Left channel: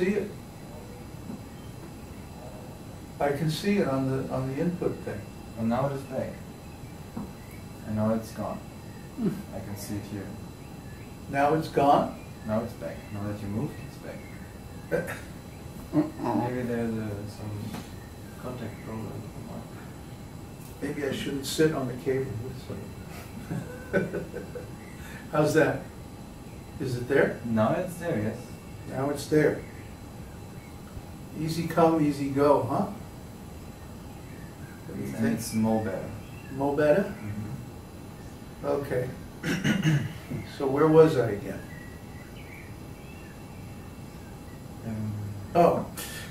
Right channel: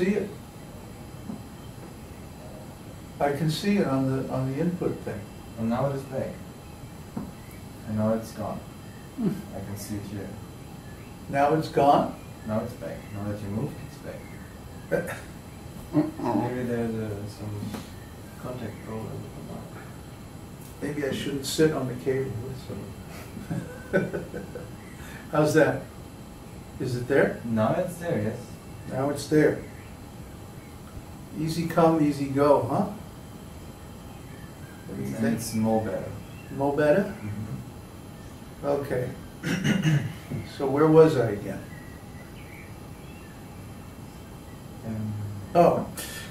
see it. I can see it on the input thing. And now it is back. And now it's gone. I can see it here. Now it's gone? Now it's back. Now that you moved, it's back. Maybe there's some contact problem with the mic. Maybe I shouldn't sit on the cable. How's that? Is it there? Now it's there, yes. Now it's there. Easy come, easy go, huh? What do you think? It's more better. More better? Mm-hmm. Okay. So where was I again? Oh,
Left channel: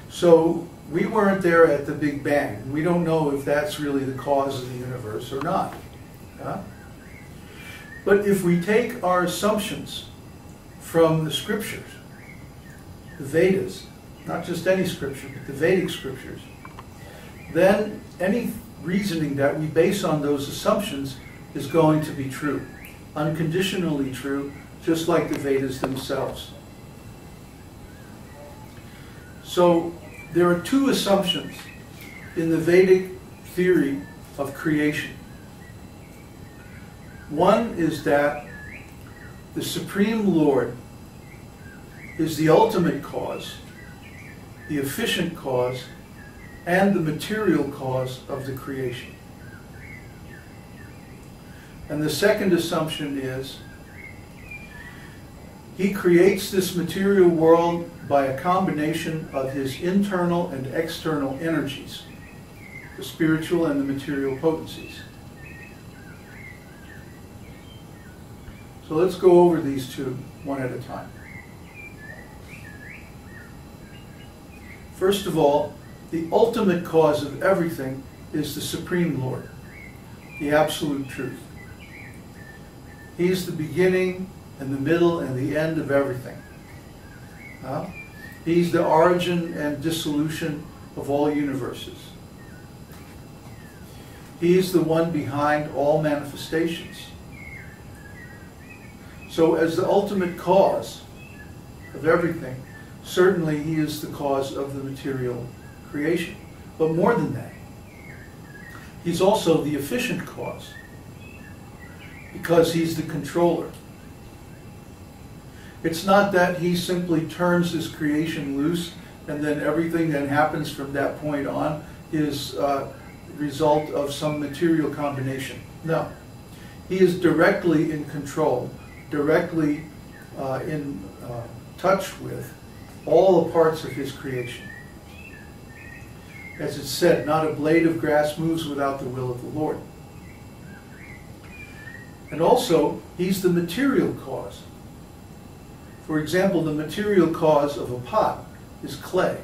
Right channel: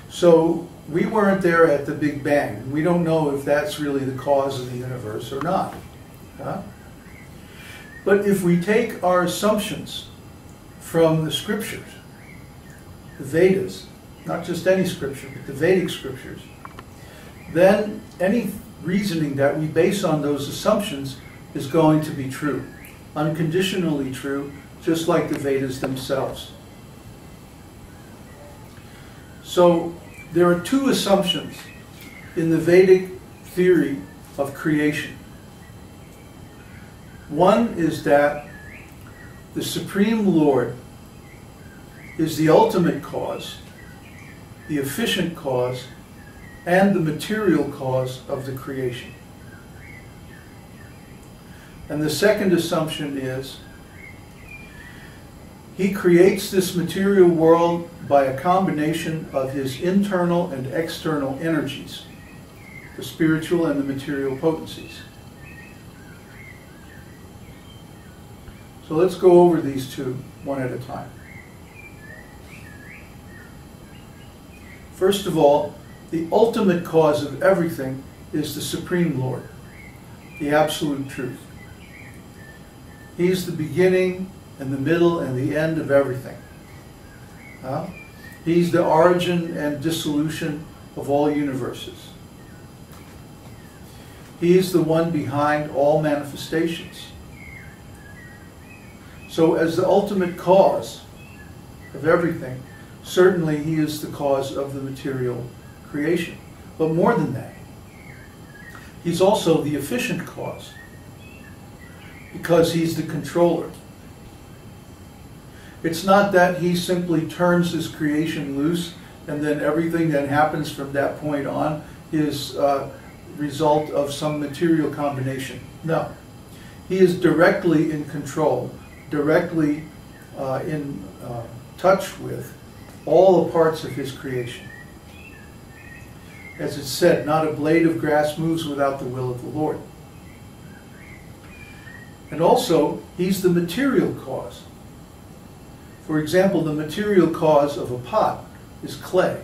so we weren't there at the Big Bang. We don't know if that's really the cause of the universe or not. Huh? But if we take our assumptions from the scriptures, the Vedas, not just any scripture, but the Vedic scriptures, then any reasoning that we base on those assumptions is going to be true. Unconditionally true, just like the Vedas themselves. So there are two assumptions in the Vedic theory of creation. One is that the Supreme Lord is the ultimate cause, the efficient cause, and the material cause of the creation. And the second assumption is he creates this material world by a combination of his internal and external energies, the spiritual and the material potencies. So let's go over these two one at a time. First of all, the ultimate cause of everything is the Supreme Lord, the absolute truth. He's the beginning and the middle and the end of everything. He's the origin and dissolution of all universes. He is the one behind all manifestations. So as the ultimate cause of everything, certainly he is the cause of the material creation. But more than that, he's also the efficient cause, because he's the controller. It's not that he simply turns his creation loose and then everything that happens from that point on is a result of some material combination. No. He is directly in control, directly in touch with all the parts of his creation. As it's said, not a blade of grass moves without the will of the Lord. And also, he's the material cause. For example, the material cause of a pot is clay.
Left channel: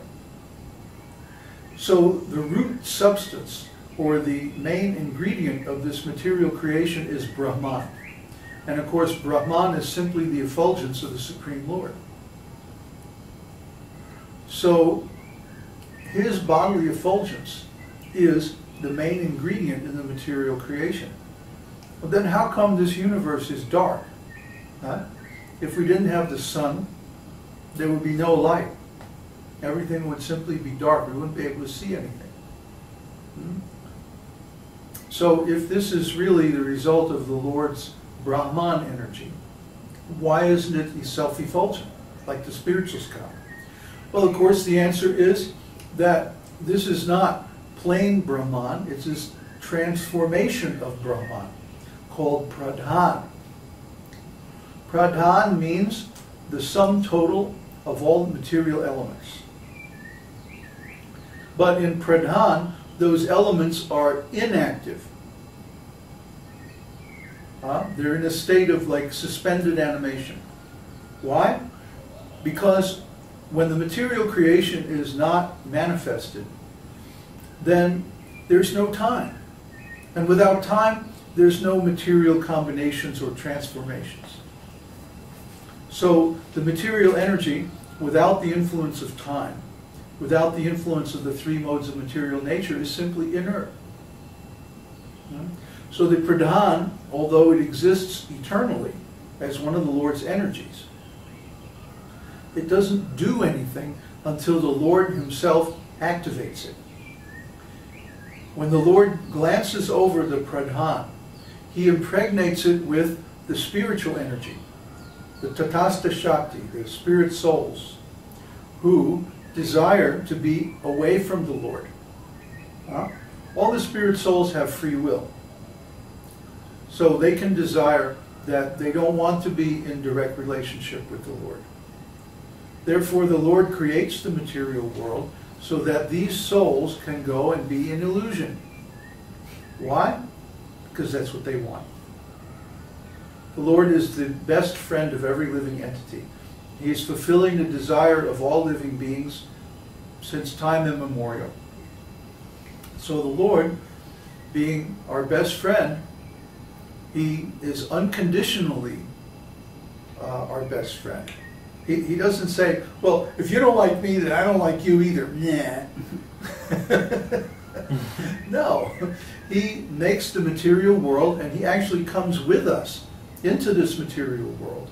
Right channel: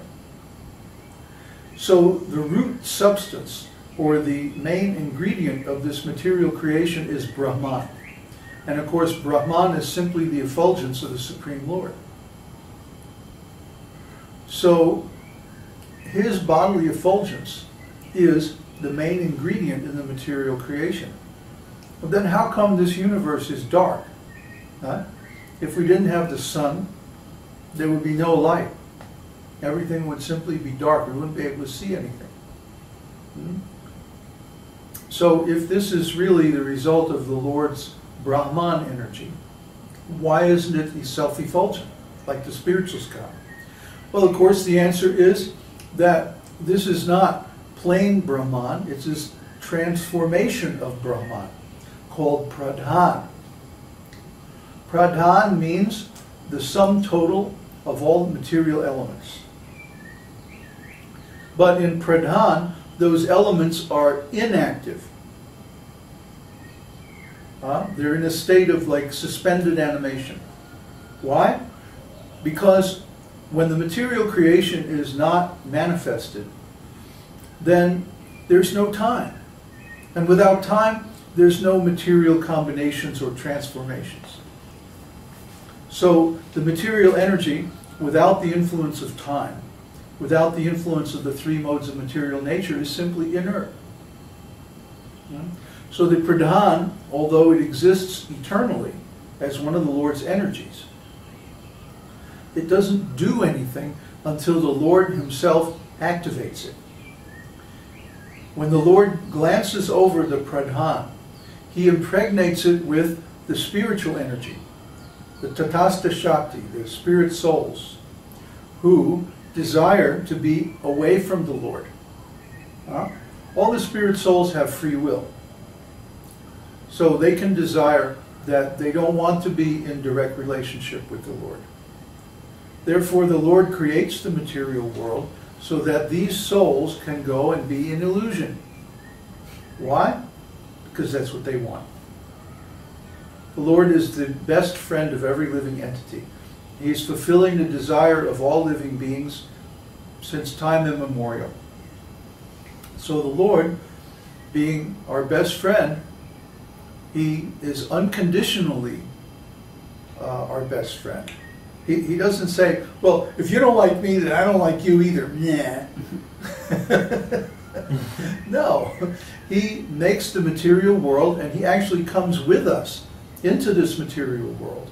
So the root substance, or the main ingredient of this material creation, is Brahman. And of course, Brahman is simply the effulgence of the Supreme Lord. So his bodily effulgence is the main ingredient in the material creation. Well, then how come this universe is dark? If we didn't have the sun, there would be no light. Everything would simply be dark. We wouldn't be able to see anything. So if this is really the result of the Lord's Brahman energy, why isn't it self-effulgent, like the spiritual sky? Well, of course, the answer is that this is not plain Brahman, it's this transformation of Brahman, called Pradhan. Pradhan means the sum total of all material elements. But in Pradhan, those elements are inactive. They're in a state of like suspended animation. Why? Because when the material creation is not manifested, then there's no time. And without time, there's no material combinations or transformations. So the material energy, without the influence of time, without the influence of the three modes of material nature, is simply inert. So the Pradhan, although it exists eternally as one of the Lord's energies, it doesn't do anything until the Lord himself activates it. When the Lord glances over the pradhan, he impregnates it with the spiritual energy, the tatastha shakti, the spirit souls, who desire to be away from the Lord. All the spirit souls have free will. So they can desire that they don't want to be in direct relationship with the Lord. Therefore, the Lord creates the material world so that these souls can go and be in illusion. Why? Because that's what they want. The Lord is the best friend of every living entity. He is fulfilling the desire of all living beings since time immemorial. So the Lord, being our best friend, he is unconditionally our best friend. He doesn't say, well, if you don't like me, then I don't like you either. Nah. No. He makes the material world, and he actually comes with us into this material world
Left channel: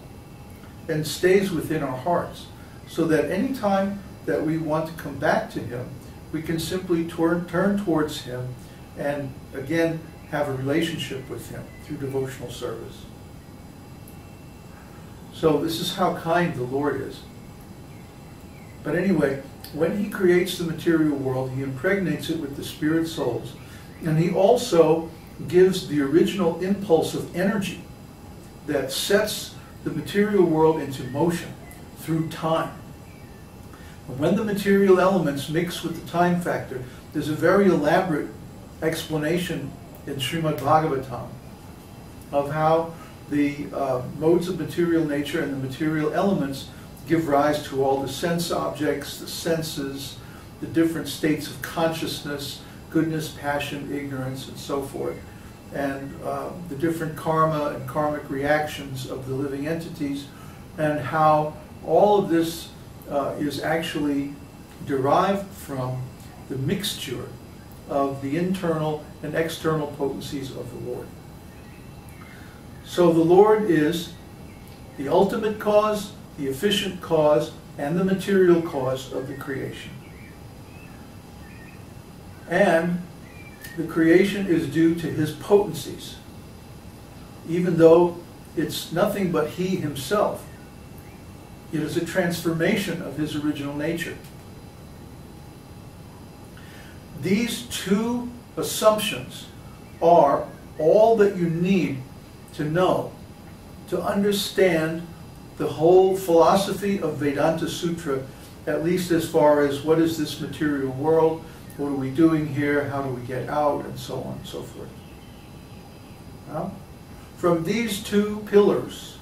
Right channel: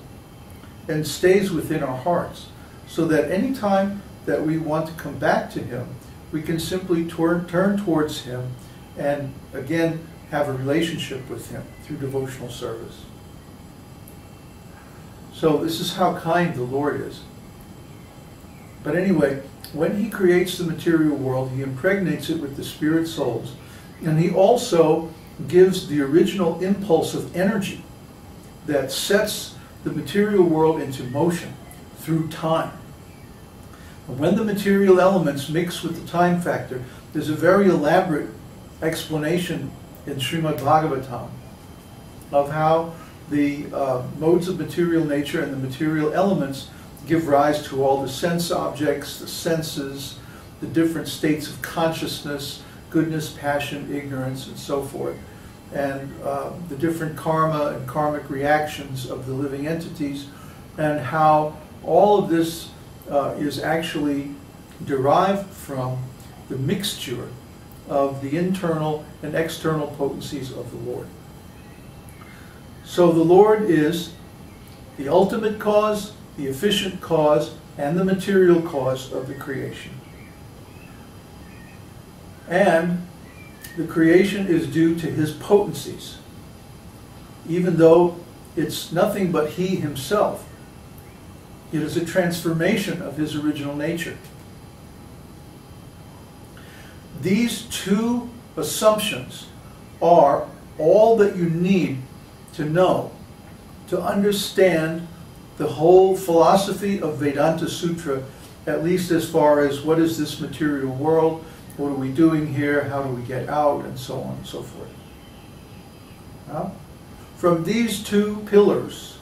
and stays within our hearts, so that any time that we want to come back to him, we can simply turn towards him and again have a relationship with him through devotional service. So this is how kind the Lord is. But anyway, when he creates the material world, he impregnates it with the spirit souls, and he also gives the original impulse of energy that sets the material world into motion through time. And when the material elements mix with the time factor, there's a very elaborate explanation in Srimad Bhagavatam of how the modes of material nature and the material elements give rise to all the sense objects, the senses, the different states of consciousness, goodness, passion, ignorance, and so forth, and the different karma and karmic reactions of the living entities, and how all of this is actually derived from the mixture of the internal and external potencies of the Lord. So the Lord is the ultimate cause, the efficient cause, and the material cause of the creation. And the creation is due to his potencies, even though it's nothing but he himself. It is a transformation of his original nature. These two assumptions are all that you need to know to understand the whole philosophy of Vedānta-sūtra, at least as far as what is this material world, what are we doing here, how do we get out, and so on and so forth. Now, from these two pillars,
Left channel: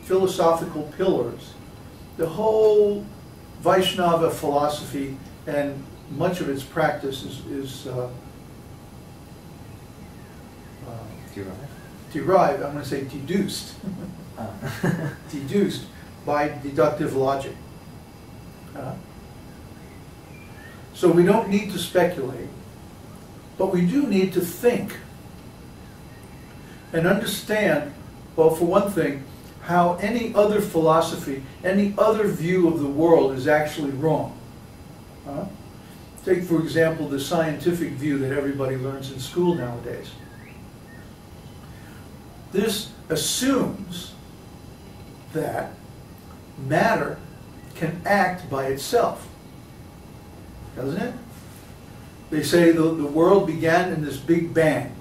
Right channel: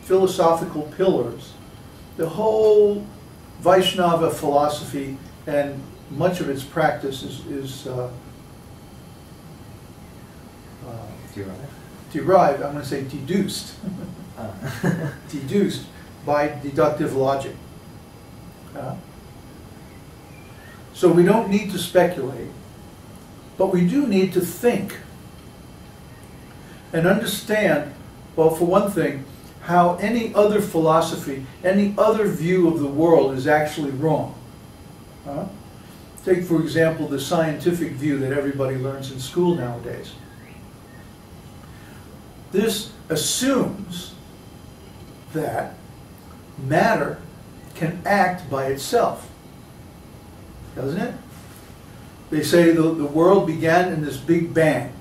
philosophical pillars, the whole Vaishnava philosophy and much of its practice is derived, I'm going to say deduced, deduced by deductive logic. So we don't need to speculate, but we do need to think and understand, well, for one thing, how any other philosophy, any other view of the world is actually wrong. Take, for example, the scientific view that everybody learns in school nowadays. This assumes that matter can act by itself, doesn't it? They say the world began in this big bang.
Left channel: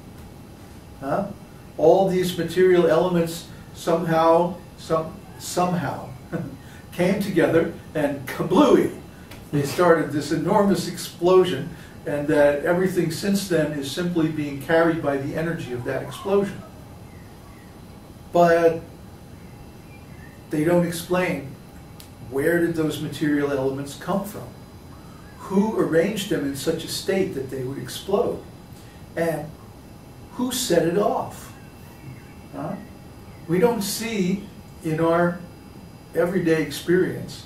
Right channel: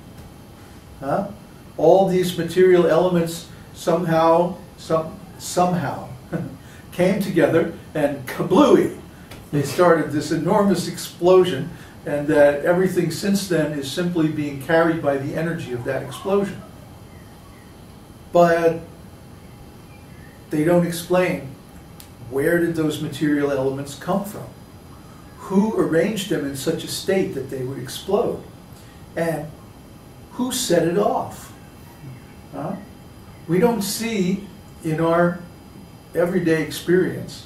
All these material elements somehow came together and kablooey. They started this enormous explosion, and that everything since then is simply being carried by the energy of that explosion. But they don't explain, where did those material elements come from? Who arranged them in such a state that they would explode? And who set it off? We don't see in our everyday experience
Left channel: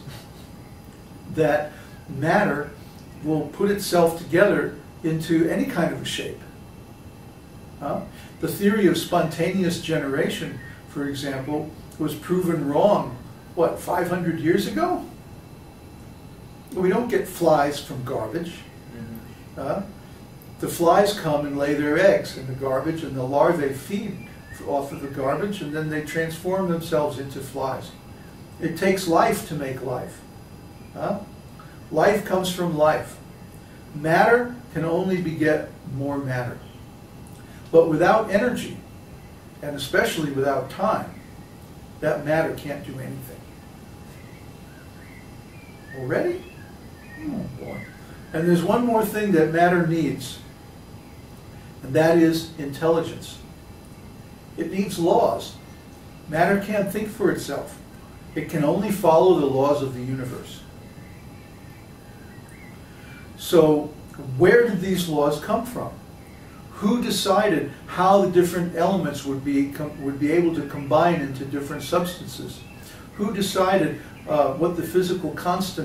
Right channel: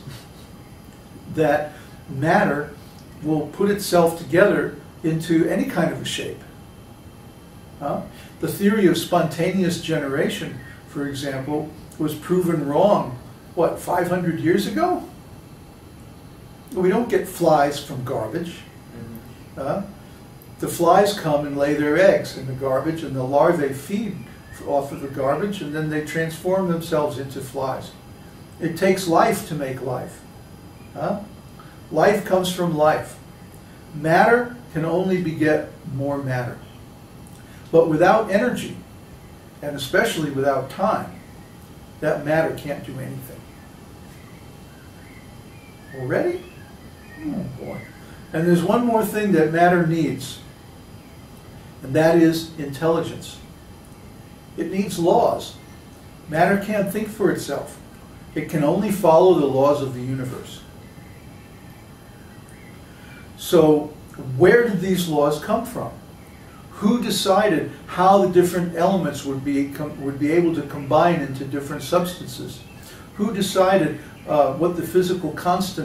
that matter will put itself together into any kind of a shape. The theory of spontaneous generation, for example, was proven wrong, what, 500 years ago? We don't get flies from garbage. Mm-hmm. The flies come and lay their eggs in the garbage, and the larvae feed off of the garbage, and then they transform themselves into flies. It takes life to make life. Life comes from life. Matter can only beget more matter. But without energy, and especially without time, that matter can't do anything. Already? Oh boy. And there's one more thing that matter needs, and that is intelligence. It needs laws. Matter can't think for itself. It can only follow the laws of the universe. So, where did these laws come from? Who decided how the different elements would be able to combine into different substances? Who decided what the physical constant